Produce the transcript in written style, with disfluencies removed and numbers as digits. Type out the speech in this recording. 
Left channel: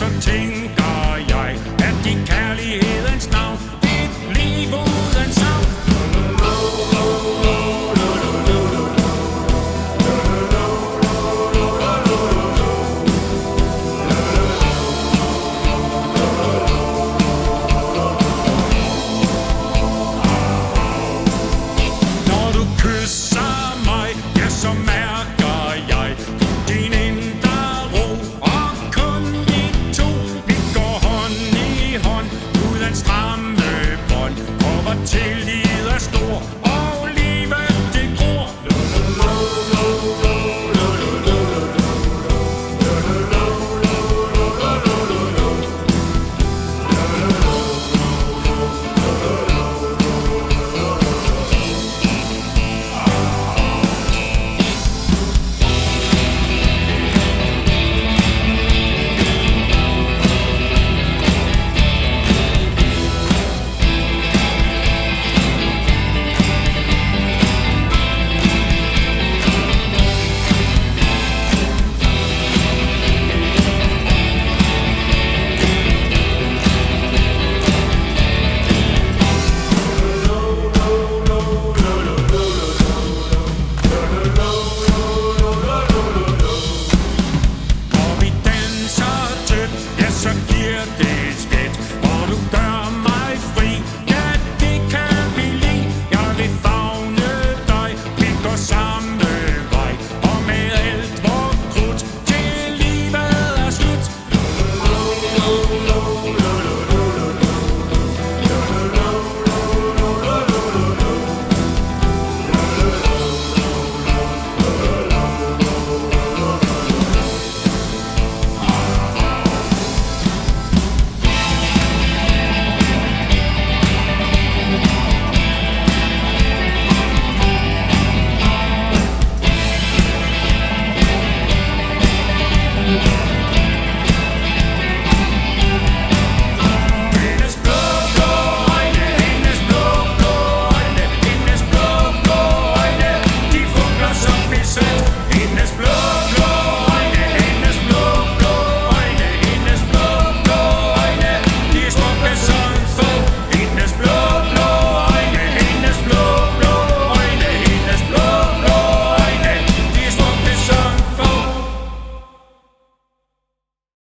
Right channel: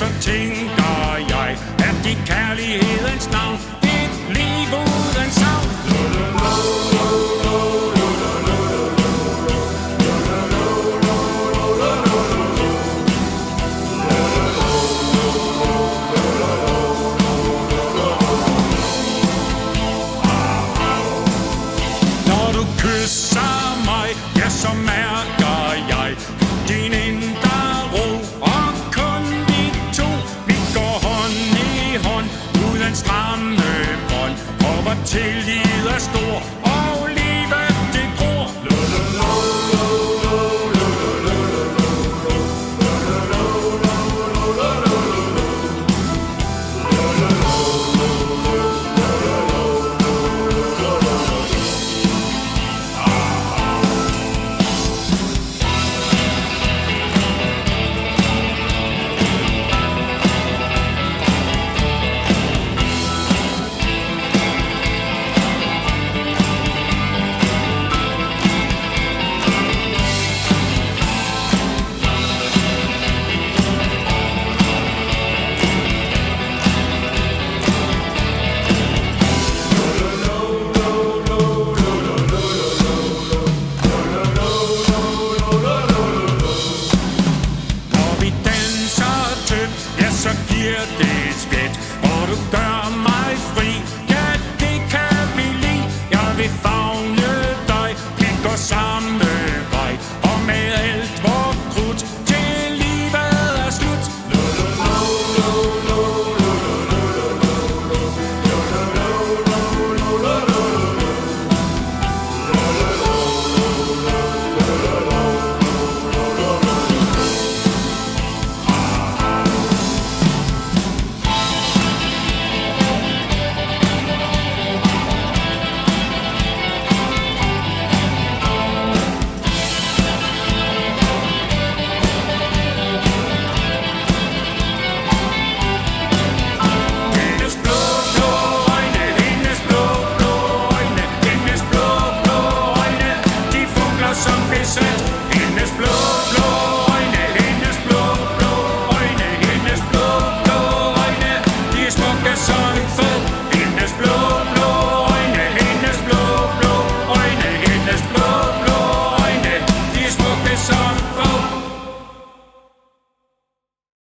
så tænker jeg, at i kærlighedens navn, et liv uden savn. Når du kysser mig, ja, så mærker jeg din indre ro, og kun vi to, vi går hånd i hånd, uden stramme bånd, og hvor tillid er stor, og livet det gror. Så giver det et spjæt, og du gør mig fri.